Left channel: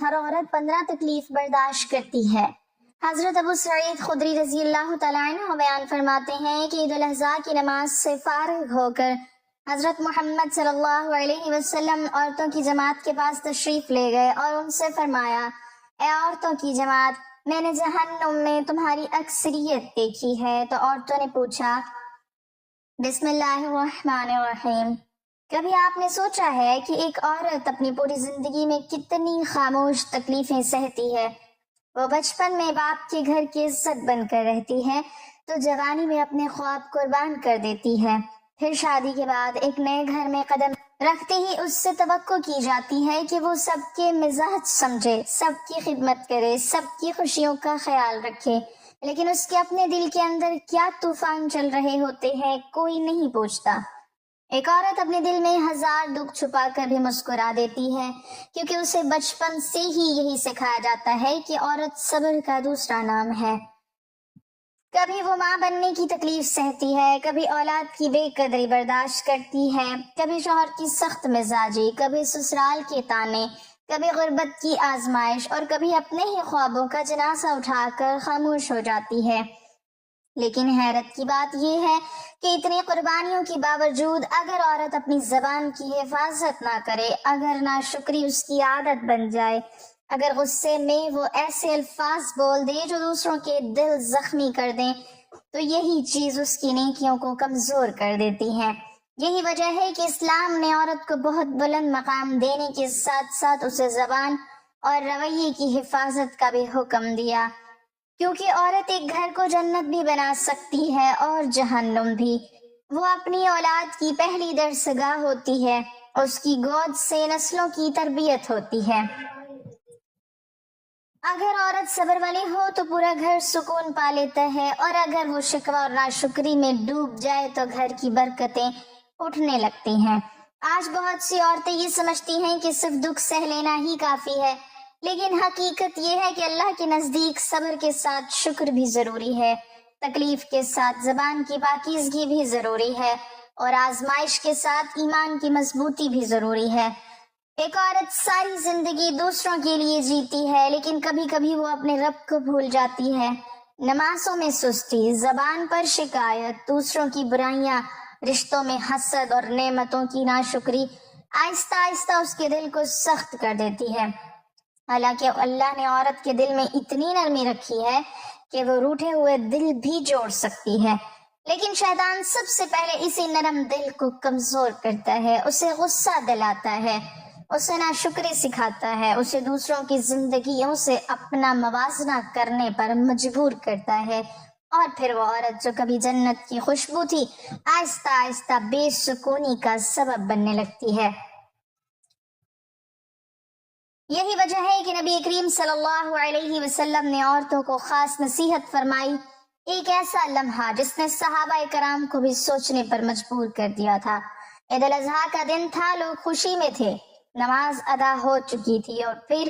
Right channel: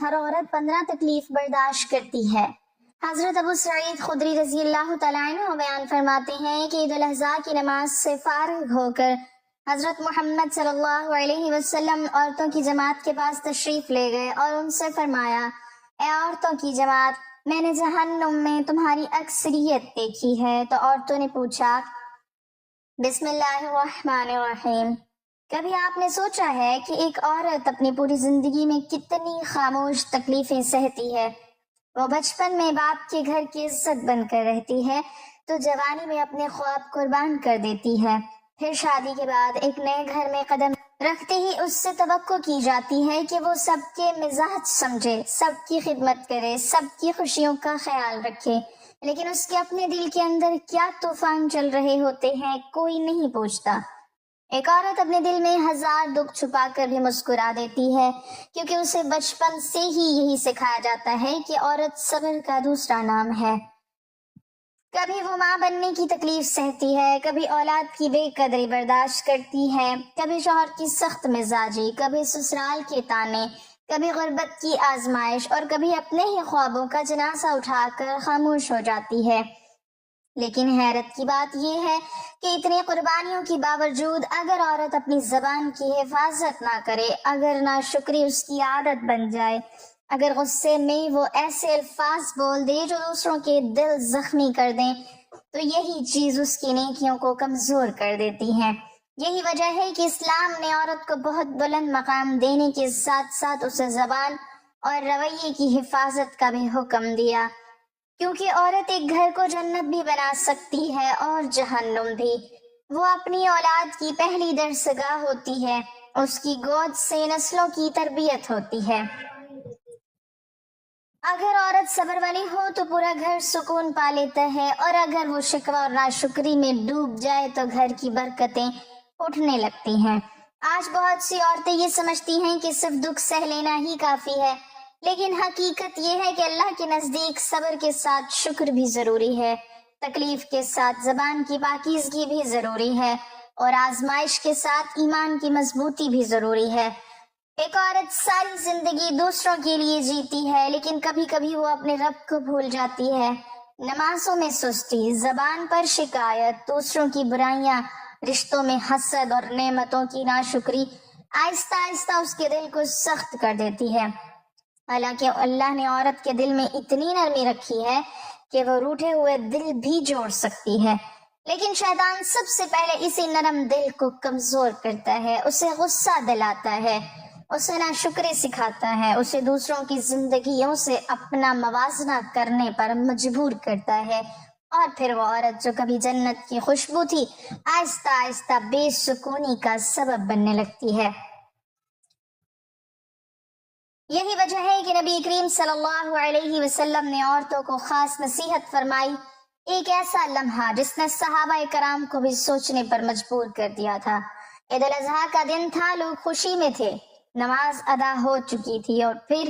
ہر عورت 15 تکلیف برداشت کرتی ہے۔ حضرت ابو سعید خدری رضی اللہ تعالیٰ عنہ بیان فرماتے ہیں کہ عید الاضحیٰ کی نماز سے فارغ ہو کر حضرت محمد صلی اللہ علیہ وسلم عورتوں کی جماعت کے پاس تشریف لے گئے اور ان سے فرمایا، اے عورتوں کی جماعت، میں نے جہنم میں تمہاری اکثریت دیکھی ہے۔ تو عورتوں نے پوچھا، بسم اللہ الرحمن الرحیم، کبھی آپ نے سوچا ہے کہ ایک عورت اپنی پوری زندگی میں کتنی خاموش تکلیفیں سہتی ہے؟ وہ بچپن میں باپ کے گھر کی عزت بن کر رہتی ہے تو جوانی میں اپنے خواب قربان کر دیتی ہے، پھر شادی کے بعد ایک نئے گھر میں قدم رکھتے ہی اس سے توقع کی جاتی ہے کہ وہ سب کے مزاج سمجھے، سب کی خدمت کرے، سب کی خوشیوں کا خیال رکھے، لیکن اس کے اپنے دل کے اندر کیا طوفان چل رہے ہوتے ہیں کوئی نہیں پوچھتا۔ ایک عورت اپنے دل میں 1000 دکھ چھپا کر بھی مسکرا دیتی ہے، کیونکہ اسے بچپن سے ہی یہی سکھایا جاتا ہے کہ عورت صبر کا دوسرا نام ہے۔ کبھی وہ ماں بننے کی تکلیف سہتی ہے، کبھی اولاد کی بے قدری برداشت کرتی ہے، کبھی شوہر کی سخت مزاجی، کبھی سسرال کے طانے، کبھی غربت کی آزمائش، اور کبھی اپنے ہی خوابوں کا جنازہ اٹھا کر خاموش ہو جاتی ہے۔ لیکن حیرت کی بات یہ ہے کہ اتنی قربانیوں کے باوجود اگر عورت اپنی زبان کی حفاظت نہ کرے، اگر ناشکری اس کی عادت بن جائے، اگر غصے میں وہ ایسے الفاظ بول دے جو دوسروں کے دل زخمی کر دیں، تو یہی چیز اس کی نیکیوں کو کمزور کر دیتی ہے۔ یہی وجہ ہے کہ اسلام نے عورت کو بہت بلند مقام دینے کے ساتھ ساتھ اسے زبان اور رویے کی حفاظت کا بھی حکم دیا، کیونکہ عورت ایک گھر کو جنت بھی بنا سکتی ہے اور جہنم بھی۔ وہ اپنی اولاد کی پہلی درسگاہ ہوتی ہے، اس کی گود سے نسلوں کی تربیت ہوتی ہے۔ اگر عورت صبر والی ہو تو پورا گھر سکون پا لیتا ہے، اور اگر وہ شکوہ اور ناشکری میں ڈوب جائے تو گھر کی برکتیں اٹھنے لگتی ہیں۔ آج بہت سی عورتیں یہ سمجھتی ہیں کہ صرف دکھ سہ لینا ہی کافی ہے، لیکن حقیقت یہ ہے کہ اللہ کے نزدیک صبر کے ساتھ شکر بھی ضروری ہے، تکلیف کے ساتھ زبان کی پاکیزگی بھی ضروری ہے، اور آزمائش کے ساتھ ایمان کی مضبوطی بھی ضروری ہے۔ ایک عورت ساری زندگی دوسروں کے لیے جیتی ہے، لیکن کبھی کبھی وہ اپنے رب کو بھول جاتی ہے۔ نمازوں میں سستی، زبان پر شکایت، دوسروں کی برائیاں، رشتوں میں حسد اور نعمتوں کی ناشکری آہستہ آہستہ اس کے دل کو سخت کر دیتی ہے۔ حالانکہ اللہ نے عورت کے دل میں اتنی نرمی رکھی ہے کہ وہ روٹھے ہوئے دل بھی جوڑ سکتی ہے، لیکن شیطان سب سے پہلے اسی نرم دل کو کمزور کرتا ہے، اسے غصہ دلاتا ہے، اسے ناشکری سکھاتا ہے، اسے دوسروں کی زندگیوں سے اپنا موازنہ کرنے پر مجبور کرتا ہے، اور پھر وہ عورت جو کبھی جنت کی خوشبو تھی آہستہ آہستہ بے سکونی کا سبب بننے لگتی ہے۔ یہی وجہ ہے کہ نبی کریم صلی اللہ علیہ وسلم نے عورتوں کو خاص نصیحت فرمائی، ایک ایسا لمحہ جس نے صحابہ کرام کو بھی سوچنے پر مجبور کر دیا تھا۔ عید الاضحیٰ کا دن تھا، لوگ خوشی میں تھے، نماز ادا ہو چکی تھی، اور پھر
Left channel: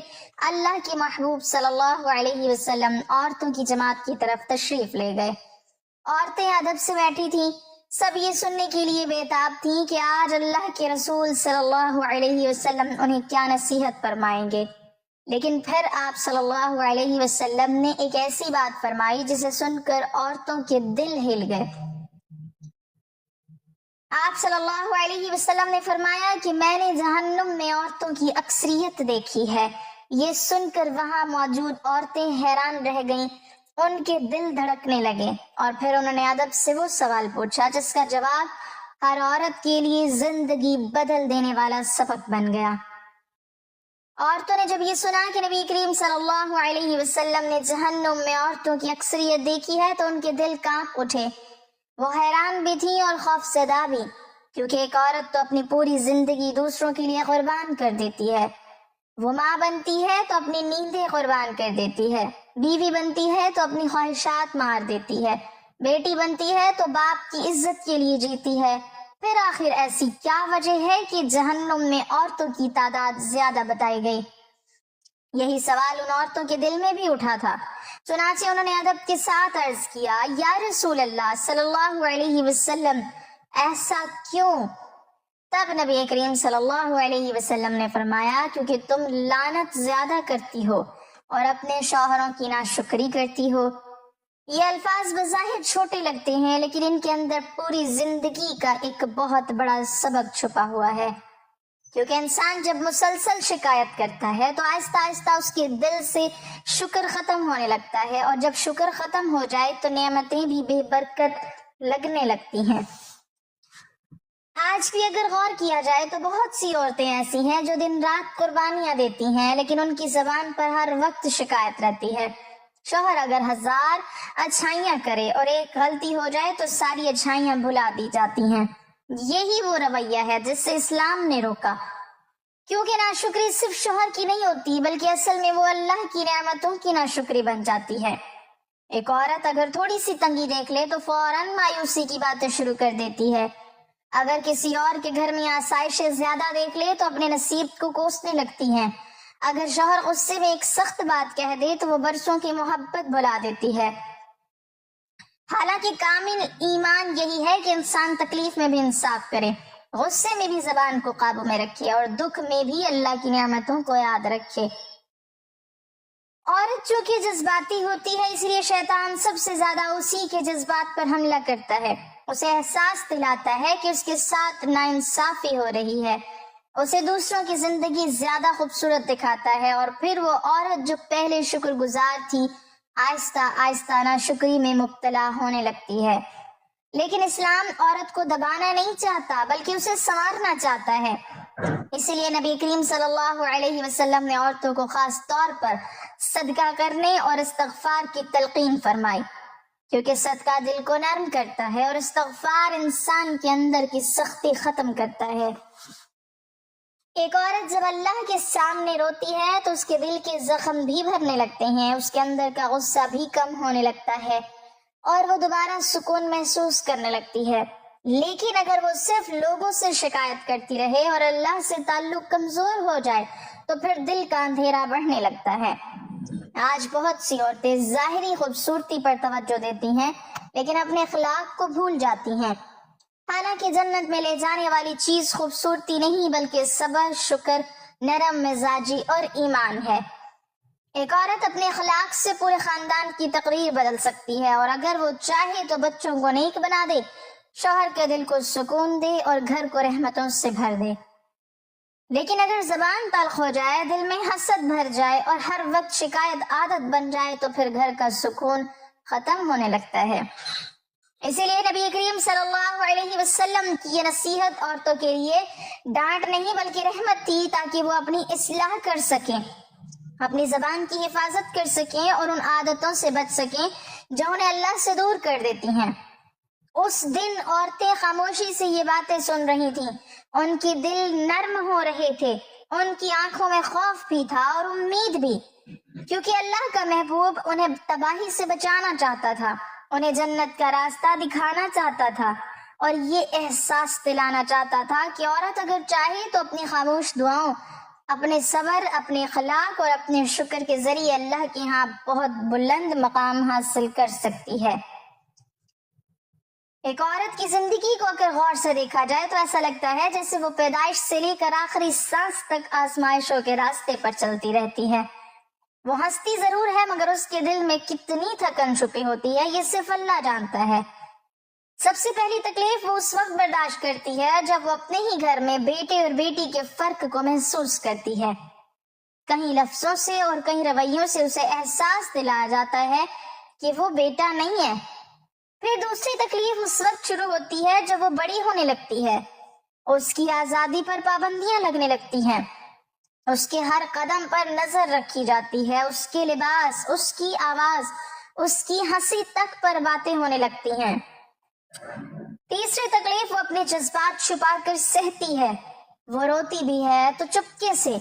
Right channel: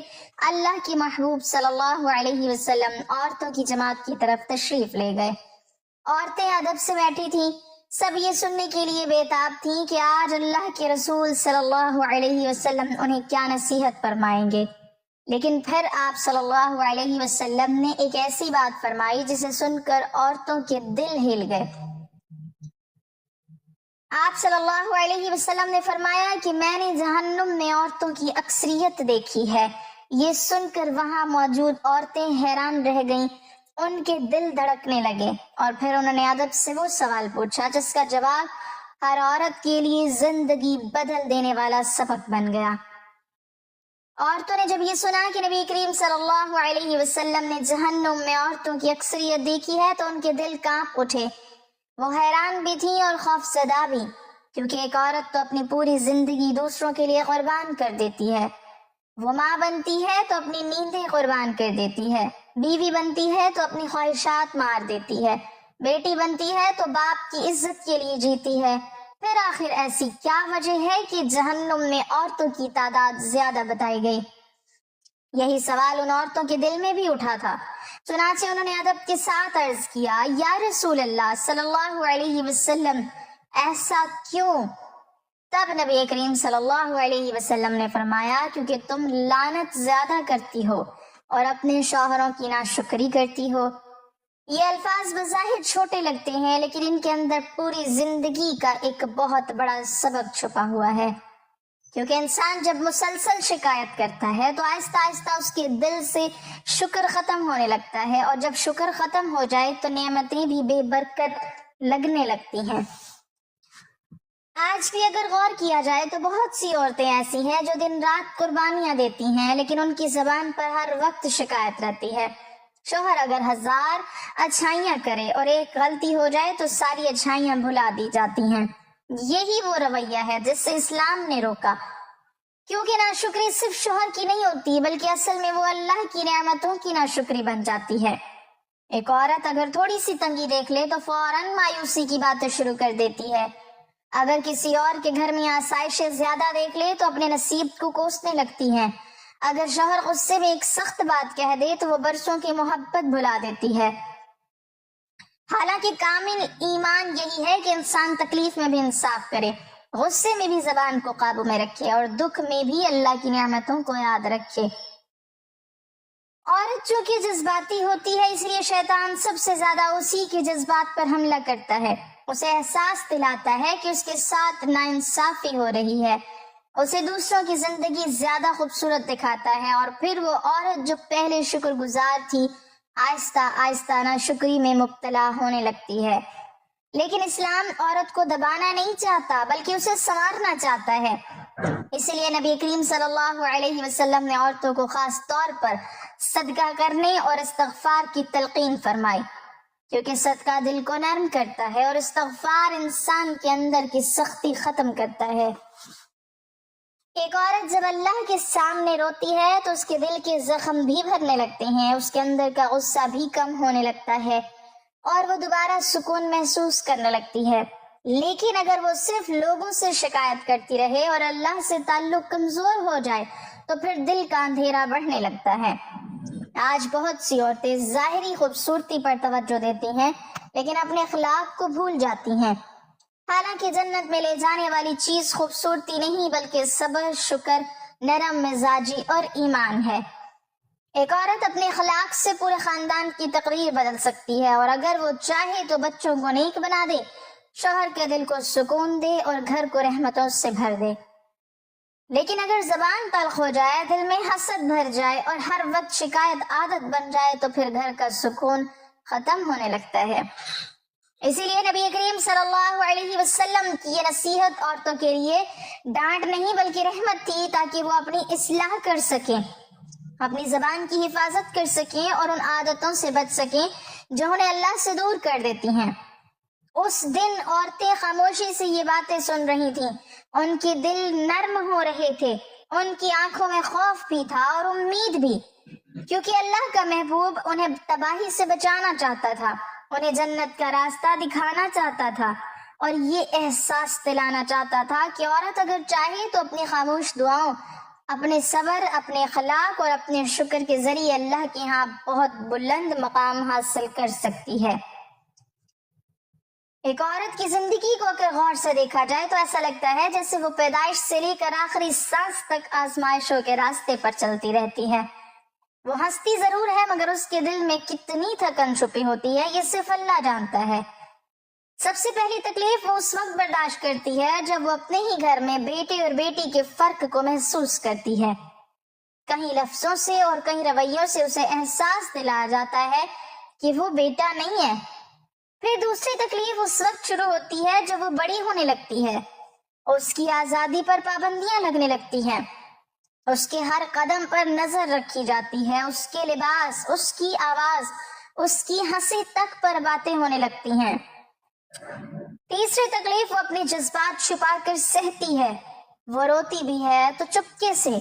اللہ کی محبوب صلی اللہ علیہ وسلم عورتوں کی جماعت کی طرف تشریف لے گئے۔ عورتیں ادب سے بیٹھی تھیں، سب یہ سننے کے لیے بےتاب تھیں کہ آج اللہ کے رسول صلی اللہ علیہ وسلم انہیں کیا نصیحت فرمائیں گے۔ لیکن پھر آپ صلی اللہ علیہ وسلم نے ایک ایسی بات فرمائی جسے سن کر عورتوں کے دل ہل گئے۔ آپ صلی اللہ علیہ وسلم نے فرمایا کہ میں نے جہنم میں عورتوں کی اکثریت دیکھی ہے۔ یہ سن کر وہاں موجود عورتیں حیران رہ گئیں، ان کے دل دھڑکنے لگے، اور پھر انہوں نے ادب سے وہ سوال پوچھا جس کا جواب ہر عورت کے لیے زندگی بدل دینے والا سبق بن گیا۔ عورتوں نے جب یہ سنا کہ نبی کریم صلی اللہ علیہ وسلم نے جہنم میں عورتوں کی اکثریت دیکھی ہے تو ان کے دل کانپ اٹھے، وہ حیران بھی تھی اور خوف زدہ بھی، کیونکہ ایک عورت تو اپنی پوری زندگی دوسروں کے لیے قربان کر دیتی ہے۔ وہ ماں بنتی ہے تو اپنی نیندیں قربان کر دیتی ہے، بیوی بنتی ہے تو اپنی خواہشات مار دیتی ہے، بیٹی بنتی ہے تو باپ کی عزت کے لیے جیتی ہے، پھر آخر ایسی کیا وجہ ہے کہ جہنم میں عورتوں کی تعداد زیادہ بتائی گئی؟ یہی سوال ان عورتوں کے دل میں بھی اٹھا تھا، چنانچہ انہوں نے ادب کے ساتھ عرض کیا، یا رسول اللہ صلی اللہ علیہ وسلم، ایسا کیوں؟ تب نبی کریم صلی اللہ علیہ وسلم نے فرمایا کیونکہ تم لعنت زیادہ کرتی ہو اور اپنے شوہروں کی ناشکری کرتی ہو۔ یہ الفاظ بظاہر چھوٹے لگتے ہیں لیکن ان کے اندر پوری زندگی کا ایک بہت بڑا سبق چھپا ہوا ہے، کیونکہ انسان جب مسلسل شکایت کرتا ہے تو آہستہ آہستہ اس کے دل سے شکر ختم ہونے لگتا ہے، اور جب شکر ختم ہو جائے تو نعمتیں بھی بے برکت لگنے لگتی ہیں۔ آج بھی اگر غور کیا جائے تو بہت سی عورتیں ایسی ہیں جو دن رات قربانیاں دیتی ہیں لیکن ان کی زبان پر ہر وقت شکایت رہتی ہے۔ شوہر اگر 1000 اچھائیاں کرے اور ایک غلطی ہو جائے تو ساری اچھائیاں بھلا دی جاتی ہیں۔ یہی وہ رویہ ہے جس سے اسلام نے روکا، کیونکہ ناشکری صرف شوہر کی نہیں ہوتی بلکہ اصل میں وہ اللہ کی نعمتوں کی ناشکری بن جاتی ہے۔ ایک عورت اگر تھوڑی سی تنگی دیکھ لے تو فوراً مایوسی کی باتیں شروع کر دیتی ہے۔ اگر کسی اور کے گھر میں آسائشیں زیادہ دیکھ لے تو اپنے نصیب کو کوسنے لگتی ہے۔ اگر شوہر غصے میں ایک سخت بات کہہ دے تو وہ برسوں کی محبت بھلا دیتی ہے۔ حالانکہ کامل ایمان یہی ہے کہ انسان تکلیف میں بھی انصاف کرے، غصے میں بھی زبان کو قابو میں رکھے اور دکھ میں بھی اللہ کی نعمتوں کو یاد رکھے۔ عورت چونکہ جذباتی ہوتی ہے اس لیے شیطان سب سے زیادہ اسی کے جذبات پر حملہ کرتا ہے، اسے احساس دلاتا ہے کہ اس کے ساتھ ناانصافی ہو رہی ہے، اسے دوسروں کی زندگی زیادہ خوبصورت دکھاتا ہے، اور پھر وہ عورت جو پہلے شکر گزار تھی آہستہ آہستہ ناشکری میں مبتلا ہونے لگتی ہے۔ لیکن اسلام عورت کو دبانا نہیں چاہتا بلکہ اسے سنوارنا چاہتا ہے۔ اسی لیے نبی کریم صلی اللہ علیہ وسلم نے عورتوں کو خاص طور پر صدقہ کرنے اور استغفار کی تلقین فرمائی، کیونکہ صدقہ دل کو نرم کرتا ہے اور استغفار انسان کے اندر کی سختی ختم کرتا ہے۔ ایک عورت جب اللہ کے سامنے روتی ہے تو اس کے دل کے زخم بھی بھرنے لگتے ہیں، اس کے اندر کا غصہ بھی کم ہونے لگتا ہے اور وہ دوبارہ سکون محسوس کرنے لگتی ہے۔ لیکن اگر وہ صرف لوگوں سے شکایت کرتی رہے اور اللہ سے تعلق کمزور ہو جائے تو پھر دل کا اندھیرا بڑھنے لگتا ہے۔ آج بہت سی عورتیں ظاہری خوبصورتی پر توجہ دیتی ہیں لیکن اپنے اخلاق کو بھول جاتی ہیں، حالانکہ جنت میں لے جانے والی چیز خوبصورتی نہیں بلکہ صبر، شکر، نرم مزاجی اور ایمان ہے۔ ایک عورت اپنے اخلاق سے پورے خاندان کی تقریر بدل سکتی ہے، اور اگر وہ چاہے تو بچوں کو نیک بنا دے، شوہر کے دل کو سکون دے اور گھر کو رحمتوں سے بھر دے۔ لیکن اگر زبان تلخ ہو جائے، دل میں حسد بھر جائے اور ہر وقت شکایت عادت بن جائے تو پھر گھر کا سکون ختم ہونے لگتا ہے۔ اسی لیے نبی کریم صلی اللہ علیہ وسلم کی یہ نصیحت عورتوں کے لیے ڈانٹ نہیں بلکہ رحمت تھی، تاکہ وہ اپنی اصلاح کر سکیں، اپنی زبان کی حفاظت کر سکیں اور ان عادتوں سے بچ سکیں جو انہیں اللہ سے دور کر دیتی ہیں۔ اس دن عورتیں خاموشی سے یہ باتیں سن رہی تھیں، ان کی دل نرم ہو رہے تھے، ان کی آنکھوں میں خوف بھی تھا اور امید بھی، کیونکہ اللہ کا محبوب انہیں تباہی سے بچانا چاہتا تھا، انہیں جنت کا راستہ دکھانا چاہتا تھا، اور یہ احساس دلانا چاہتا تھا کہ عورت اگر چاہے تو اپنی خاموش دعاؤں، اپنے صبر، اپنے اخلاق اور اپنے شکر کے ذریعے اللہ کے ہاں بہت بلند مقام حاصل کر سکتی ہے۔ ایک عورت کی زندگی کو اگر غور سے دیکھا جائے تو ایسا لگتا ہے جیسے وہ پیدائش سے لے کر آخری سانس تک آزمائشوں کے راستے پر چلتی رہتی ہے۔ وہ ہنستی ضرور ہے مگر اس کے دل میں کتنی تھکن چھپی ہوتی ہے یہ صرف اللہ جانتا ہے۔ سب سے پہلی تکلیف وہ اس وقت برداشت کرتی ہے جب وہ اپنے ہی گھر میں بیٹے اور بیٹی کے فرق کو محسوس کرتی ہے۔ کہیں لفظوں سے اور کہیں رویوں سے اسے احساس دلایا جاتا ہے کہ وہ بیٹا نہیں ہے۔ پھر دوسری تکلیف اس وقت شروع ہوتی ہے جب وہ بڑی ہونے لگتی ہے، اس کی آزادی پر پابندیاں لگنے لگتی ہیں، اس کے ہر قدم پر نظر رکھی جاتی ہے، اس کے لباس، اس کی آواز، اس کی ہنسی تک پر باتیں ہونے لگتی ہیں۔ تیسری تکلیف وہ اپنے جذبات چھپا کر سہتی ہے، وہ روتی بھی ہے تو چپکے سے،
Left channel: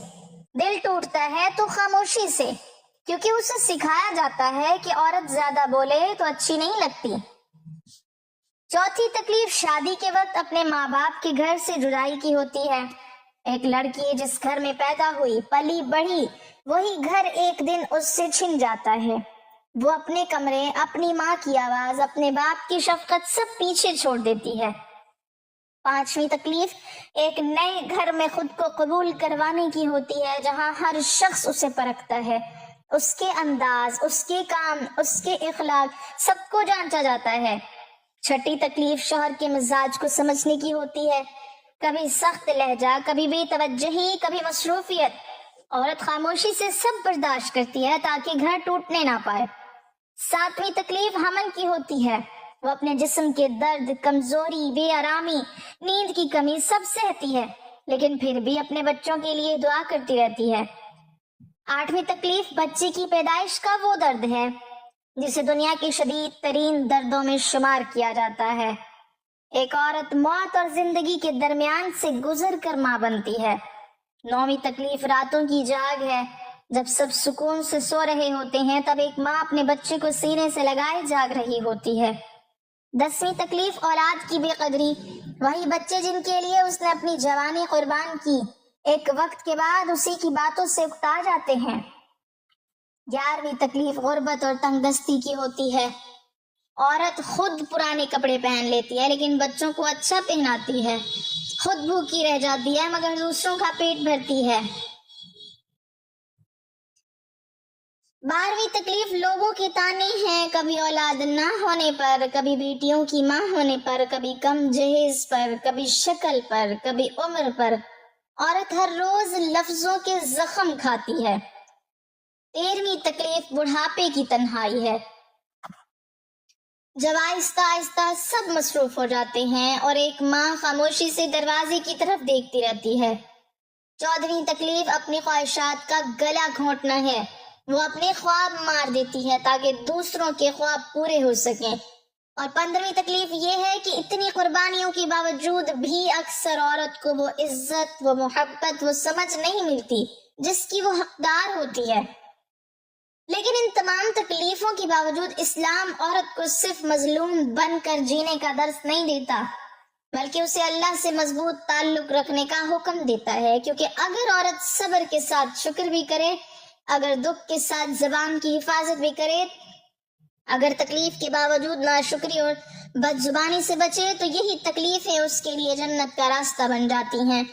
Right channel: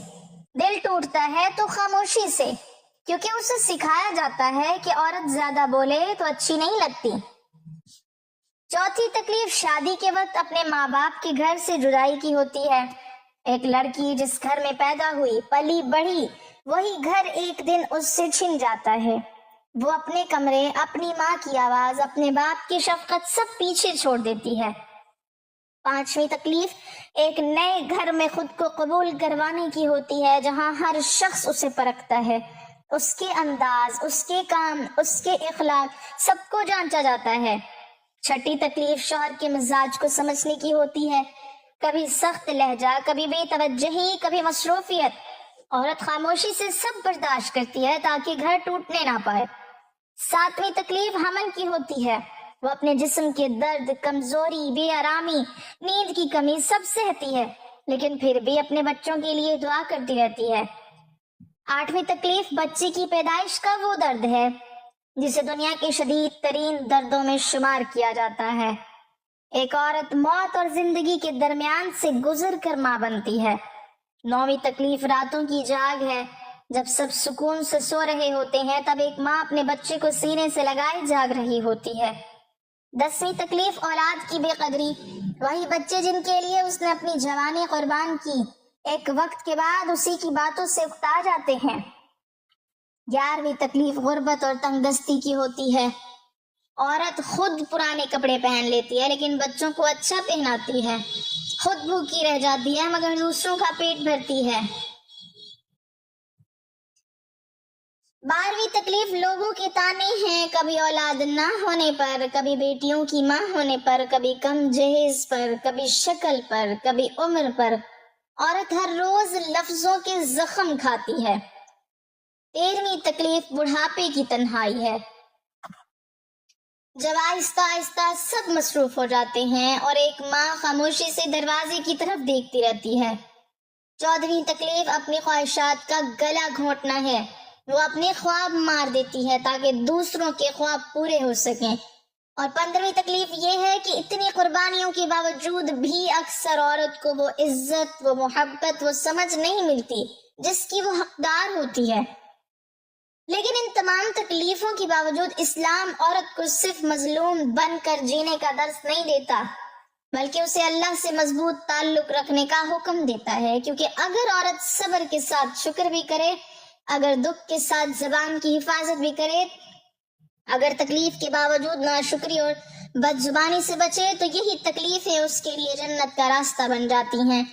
دل ٹوٹتا ہے تو خاموشی سے، کیونکہ اسے سکھایا جاتا ہے کہ عورت زیادہ بولے تو اچھی نہیں لگتی۔ چوتھی تکلیف شادی کے وقت اپنے ماں باپ کے گھر سے جدائی کی ہوتی ہے۔ ایک لڑکی جس گھر میں پیدا ہوئی، پلی بڑھی، وہی گھر ایک دن اس سے چھن جاتا ہے۔ وہ اپنے کمرے، اپنی ماں کی آواز، اپنے باپ کی شفقت سب پیچھے چھوڑ دیتی ہے۔ 5ویں تکلیف ایک نئے گھر میں خود کو قبول کروانے کی ہوتی ہے، جہاں ہر شخص اسے پرکھتا ہے، اس کے انداز، اس کے کام، اس کے اخلاق سب کو جانچا جاتا ہے۔ 6ٹھی تکلیف شوہر کے مزاج کو سمجھنے کی ہوتی ہے، کبھی سخت لہجہ، کبھی بے توجہی، کبھی مصروفیت۔ عورت خاموشی سے سب برداشت کرتی ہے تاکہ گھر ٹوٹنے نہ پائے۔ 7ویں تکلیف حمل کی ہوتی ہے، وہ اپنے جسم کے درد، کمزوری، بے آرامی، نیند کی کمی سب سہتی ہے، لیکن پھر بھی اپنے بچوں کے لیے دعا کرتی رہتی ہے۔ 8ویں تکلیف بچے کی پیدائش کا وہ درد ہے جسے دنیا کے شدید ترین دردوں میں شمار کیا جاتا ہے۔ ایک عورت موت اور زندگی کے درمیان سے گزر کر ماں بنتی ہے۔ 9ویں تکلیف راتوں کی جاگ ہے، جب سب سکون سے سو رہے ہوتے ہیں تب ایک ماں اپنے بچے کو سینے سے لگائے جاگ رہی ہوتی ہے۔ 10ویں تکلیف اولاد کی بے قدری، وہی بچے جن کے لیے اس نے اپنی جوانی قربان کی، ایک وقت کے بعد اسی کی باتوں سے اکتا جاتے ہیں۔ 11ویں تکلیف غربت اور تنگ دستی کی ہوتی ہے، عورت خود پرانے کپڑے پہن لیتی ہے لیکن بچوں کو اچھا پہناتی ہے، خود بھوکی رہ جاتی ہے مگر دوسروں کا پیٹ بھرتی ہے۔ 12ویں تکلیف لوگوں کے طعنے ہیں، کبھی اولاد نہ ہونے پر، کبھی بیٹیوں کی ماں ہونے پر، کبھی کم جہیز پر، کبھی شکل پر، کبھی عمر پر۔ عورت ہر روز لفظوں کے زخم کھاتی ہے۔ 13ویں تکلیف بڑھاپے کی تنہائی ہے، جب آہستہ آہستہ سب مصروف ہو جاتے ہیں اور ایک ماں خاموشی سے دروازے کی طرف دیکھتی رہتی ہے۔ 14ویں تکلیف اپنی خواہشات کا گلا گھونٹنا ہے، وہ اپنے خواب مار دیتی ہے تاکہ دوسروں کے خواب پورے ہو سکیں۔ اور 15ویں تکلیف یہ ہے کہ اتنی قربانیوں کے باوجود بھی اکثر عورت کو وہ عزت، وہ محبت، وہ سمجھ نہیں ملتی جس کی وہ حقدار ہوتی ہے۔ لیکن ان تمام تکلیفوں کے باوجود اسلام عورت کو صرف مظلوم بن کر جینے کا درس نہیں دیتا، بلکہ اسے اللہ سے مضبوط تعلق رکھنے کا حکم دیتا ہے، کیونکہ اگر عورت صبر کے ساتھ شکر بھی کرے، اگر دکھ کے ساتھ زبان کی حفاظت بھی کرے، اگر تکلیف کے باوجود ناشکری اور بد زبانی سے بچے، تو یہی تکلیفیں اس کے لیے جنت کا راستہ بن جاتی ہیں۔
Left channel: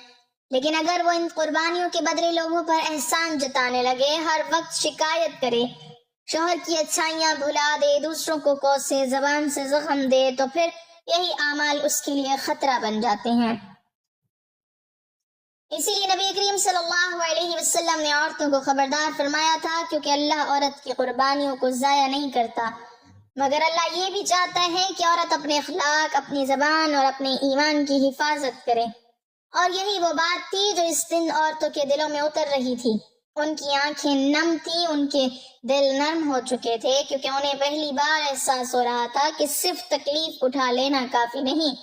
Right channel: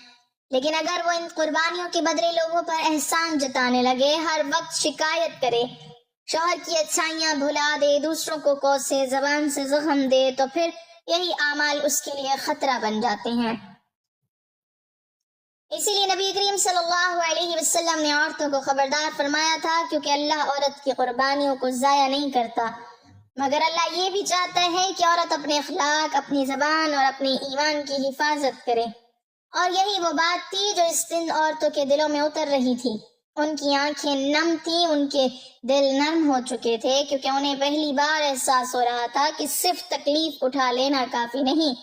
لیکن اگر وہ ان قربانیوں کے بدلے لوگوں پر احسان جتانے لگے، ہر وقت شکایت کرے، شوہر کی اچھائیاں بھلا دے، دوسروں کو کوسے، زبان سے زخم دے، تو پھر یہی اعمال اس کے لیے خطرہ بن جاتے ہیں۔ اسی لیے نبی کریم صلی اللہ علیہ وسلم نے عورتوں کو خبردار فرمایا تھا، کیونکہ اللہ عورت کی قربانیوں کو ضائع نہیں کرتا، مگر اللہ یہ بھی چاہتا ہے کہ عورت اپنے اخلاق، اپنی زبان اور اپنے ایمان کی حفاظت کرے۔ اور یہی وہ بات تھی جو اس دن عورتوں کے دلوں میں اتر رہی تھی۔ ان کی آنکھیں نم تھیں، ان کے دل نرم ہو چکے تھے، کیونکہ انہیں پہلی بار احساس ہو رہا تھا کہ صرف تکلیف اٹھا لینا کافی نہیں،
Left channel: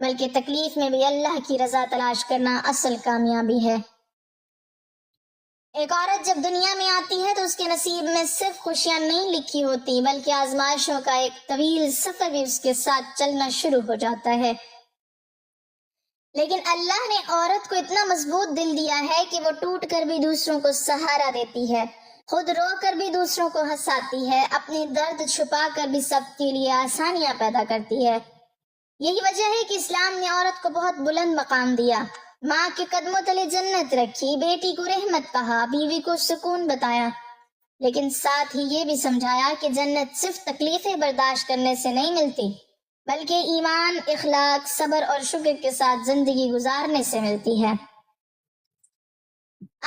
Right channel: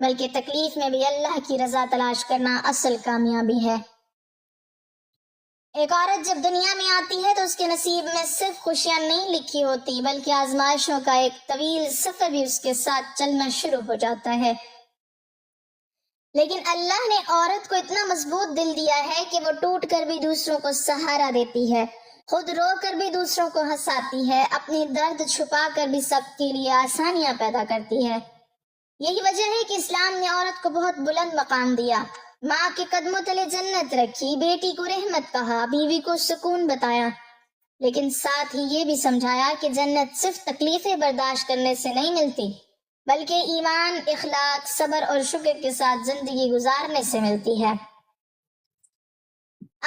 بلکہ تکلیف میں بھی اللہ کی رضا تلاش کرنا اصل کامیابی ہے۔ ایک عورت جب دنیا میں آتی ہے تو اس کے نصیب میں صرف خوشیاں نہیں لکھی ہوتی، بلکہ آزمائشوں کا ایک طویل سفر بھی اس کے ساتھ چلنا شروع ہو جاتا ہے۔ لیکن اللہ نے عورت کو اتنا مضبوط دل دیا ہے کہ وہ ٹوٹ کر بھی دوسروں کو سہارا دیتی ہے، خود رو کر بھی دوسروں کو ہنساتی ہے، اپنی درد چھپا کر بھی سب کے لیے آسانیاں پیدا کرتی ہے۔ یہی وجہ ہے کہ اسلام نے عورت کو بہت بلند مقام دیا، ماں کے قدموں تلے جنت رکھی، بیٹی کو رحمت کہا، بیوی کو سکون بتایا، لیکن ساتھ ہی یہ بھی سمجھایا کہ جنت صرف تکلیفیں برداشت کرنے سے نہیں ملتی، بلکہ ایمان، اخلاق، صبر اور شکر کے ساتھ زندگی گزارنے سے ملتی ہے۔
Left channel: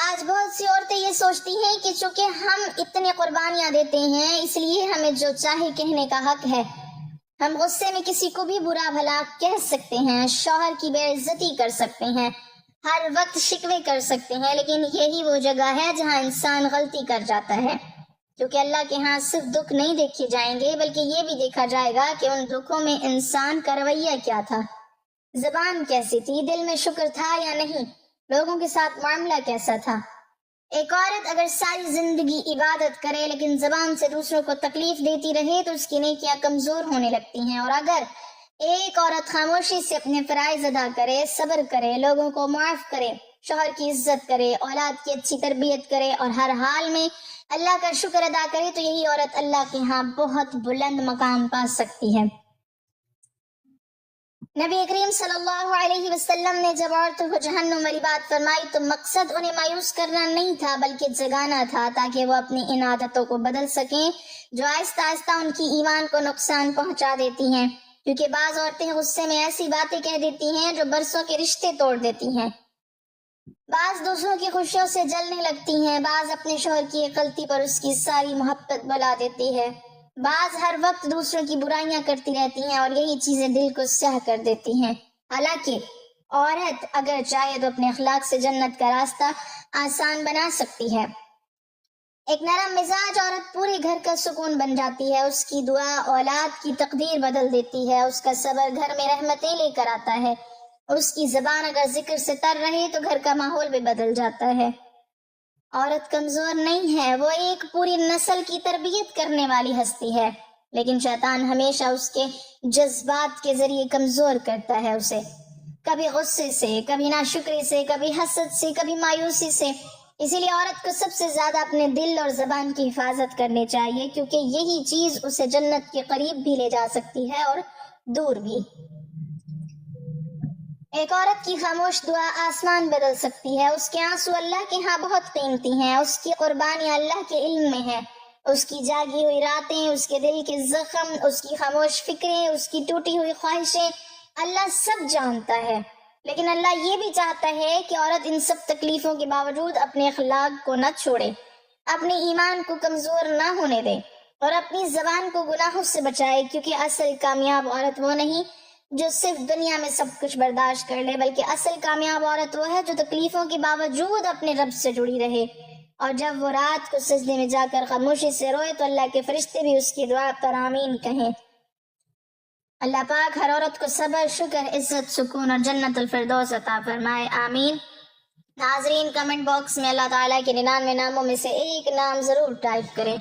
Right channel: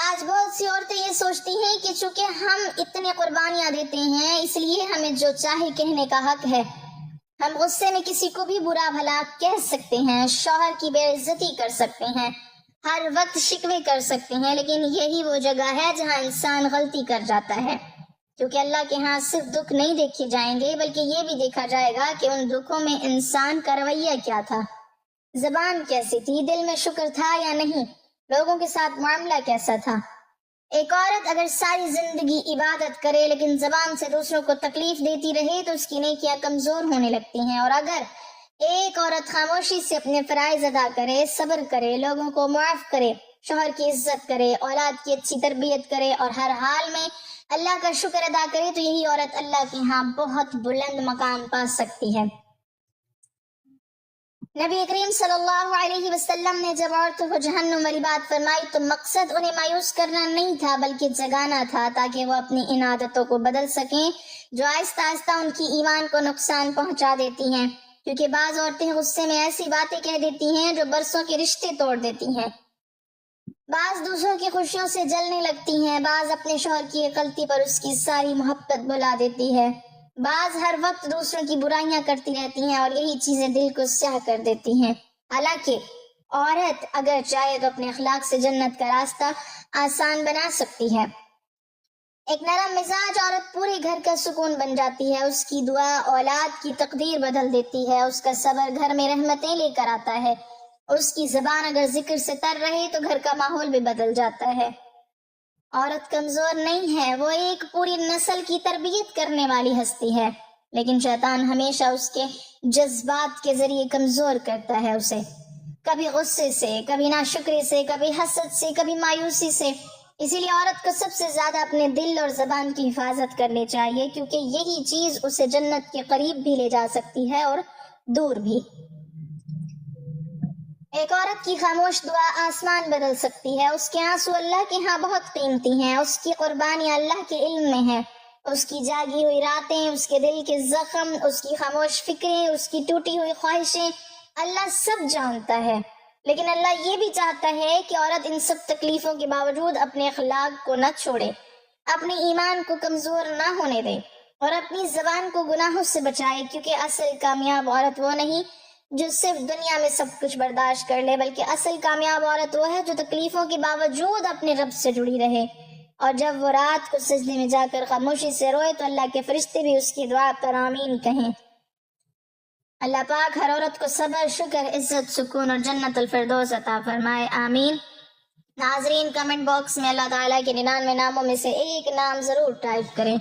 آج بہت سی عورتیں یہ سوچتی ہیں کہ چونکہ ہم اتنی قربانیاں دیتے ہیں اس لیے ہمیں جو چاہے کہنے کا حق ہے، ہم غصے میں کسی کو بھی برا بھلا کہہ سکتے ہیں، شوہر کی بے عزتی کر سکتے ہیں، ہر وقت شکوے کر سکتے ہیں، لیکن یہی وہ جگہ ہے جہاں انسان غلطی کر جاتا ہے، کیونکہ اللہ کے ہاں صرف دکھ نہیں دیکھے جائیں گے بلکہ یہ بھی دیکھا جائے گا کہ ان دکھوں میں انسان کا رویہ کیا تھا، زبان کیسی تھی، دل میں شکر تھا یا نہیں، لوگوں کے ساتھ معاملہ کیسا تھا۔ ایک عورت اگر ساری زندگی عبادت کرے لیکن زبان سے دوسروں کو تکلیف دیتی رہے تو اس کی نیکیاں کمزور ہونے لگتی ہیں، اور اگر ایک عورت خاموشی سے اپنے فرائض ادا کرے، صبر کرے، لوگوں کو معاف کرے، شوہر کی عزت کرے، اولاد کی اچھی تربیت کرے اور ہر حال میں اللہ کا شکر ادا کرے، تو یہی عورت اللہ کے ہاں بہت بلند مقام پا سکتی ہے۔ نبی کریم صلی اللہ علیہ وسلم نے جب عورتوں کو جہنم والی بات فرمائی تو مقصد انہیں مایوس کرنا نہیں تھا بلکہ جگانا تھا تاکہ وہ اپنی ان عادتوں کو بدل سکیں جو آہستہ آہستہ ان کی ایمان کو نقصان پہنچا دیتی ہیں، کیونکہ بعض عورتیں غصے میں ایسی باتیں کہہ دیتی ہیں جو برسوں کے رشتے توڑ دیتی ہیں، بعض دوسروں کی خوشیوں سے جلنے لگتی ہیں، بعض اپنے شوہر کی ایک غلطی پر اس کی ساری محبت بھلا دیتی ہے، بعض ہر وقت دوسروں کی برائیاں کرتی رہتی ہیں اور یہی چیزیں دل کو سیاہ کر دیتی ہیں۔ حالانکہ عورت اگر چاہے تو اپنے اخلاق سے جنت کا راستہ آسان بنا سکتی ہے۔ ایک نرم مزاج عورت پورے گھر کا سکون بن جاتی ہے، اس کی دعا اولاد کی تقدیر بدل دیتی ہے، اس کا صبر گھر میں رحمتیں لے کر آتا ہے، اور اس کی زبان اگر ذکر سے تر رہے تو گھر کا ماحول بھی بدل جاتا ہے۔ عورت کمزور نہیں ہے، وہ ایک پوری نسل کی تربیت کرنے والی ہستی ہے، لیکن شیطان ہمیشہ اس کے جذبات کے ذریعے کمزور کرتا ہے اسے، کبھی غصے سے، کبھی ناشکری سے، کبھی حسد سے، کبھی مایوسی سے۔ اسی لیے عورت کو سب سے زیادہ اپنے دل اور زبان کی حفاظت کرنی چاہیے، کیونکہ یہی چیز اسے جنت کے قریب بھی لے جا سکتی ہے اور دور بھی۔ ایک عورت کی خاموش دعا آسمان بدل سکتی ہے، اس کے آنسو اللہ کے ہاں بہت قیمتی ہیں، اس کی قربانی اللہ کے علم میں ہے، اس کی جاگی ہوئی راتیں، اس کے دل کے زخم، اس کی خاموش فکریں، اس کی ٹوٹی ہوئی خواہشیں، اللہ سب جانتا ہے۔ لیکن اللہ یہ بھی چاہتا ہے کہ عورت ان سب تکلیفوں کے باوجود اپنے اخلاق کو نہ چھوڑے، اپنے ایمان کو کمزور نہ ہونے دے اور اپنی زبان کو گناہوں سے بچائے، کیونکہ اصل کامیاب عورت وہ نہیں جو صرف دنیا میں سب کچھ برداشت کر لے، بلکہ اصل کامیاب عورت وہ ہے جو تکلیفوں کے باوجود اپنے رب سے جڑی رہے، اور جب وہ رات کو سجدے میں جا کر خاموشی سے روئے تو اللہ کے فرشتے بھی اس کی دعا پر آمین کہیں۔ اللہ پاک ہر عورت کو صبر، شکر، عزت، سکون اور جنت الفردوس عطا فرمائے، آمین۔ ناظرین کمنٹ باکس میں اللہ تعالیٰ کے 99 ناموں میں سے ایک نام ضرور ٹائپ کریں۔